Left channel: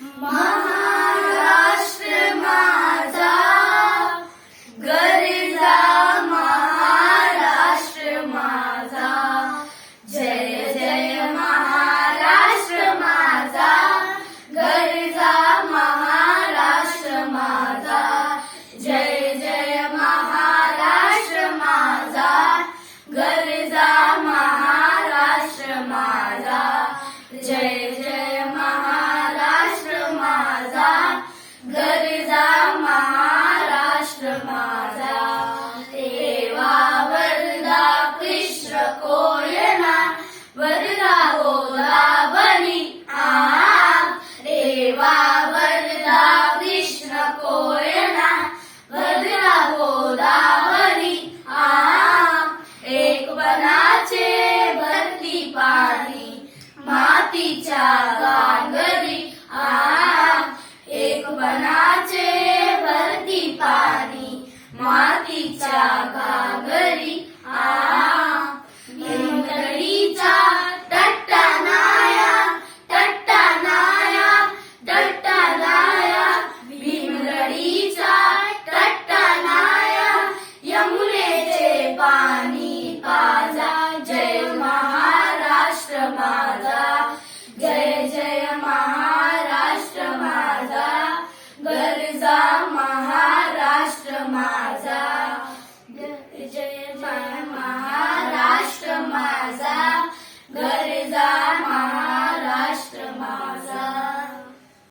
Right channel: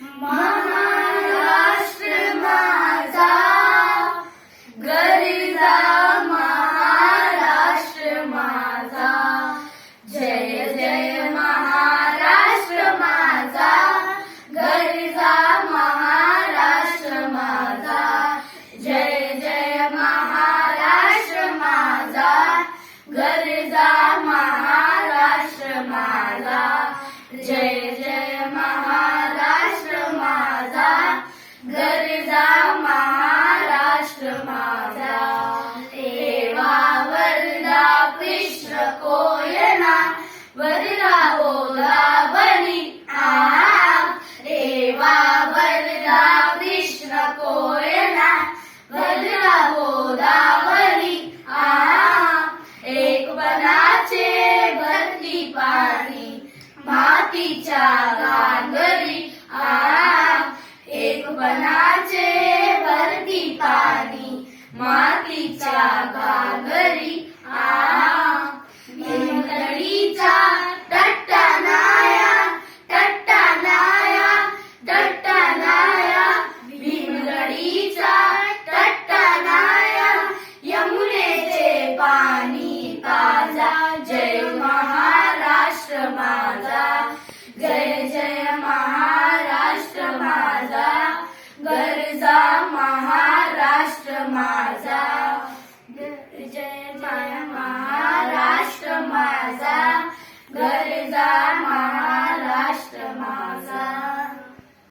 महाराष्ट्र माझा गरजा, महाराष्ट्र माझा जय जय महाराष्ट्र माझा गरजा, महाराष्ट्र माझा जय जय महाराष्ट्र माझा गरजा, महाराष्ट्र माझा जय जय महाराष्ट्र माझा गरजा, महाराष्ट्र माझा तेवा वरदा कृष्ण कोयना वरदा गोदावरी देवा वरदा कृष्ण कोयना वरदा गोदावरी एक बनाचे भरती पाणी मातीच्या गांगरी एक बनाचे भरती पाणी मातीच्या गांगरी भीमगडीचा टट्टा नाया टट्टा नाया टट्टा नाया भीमगडीचा टट्टा नाया यमुनेचे पाणी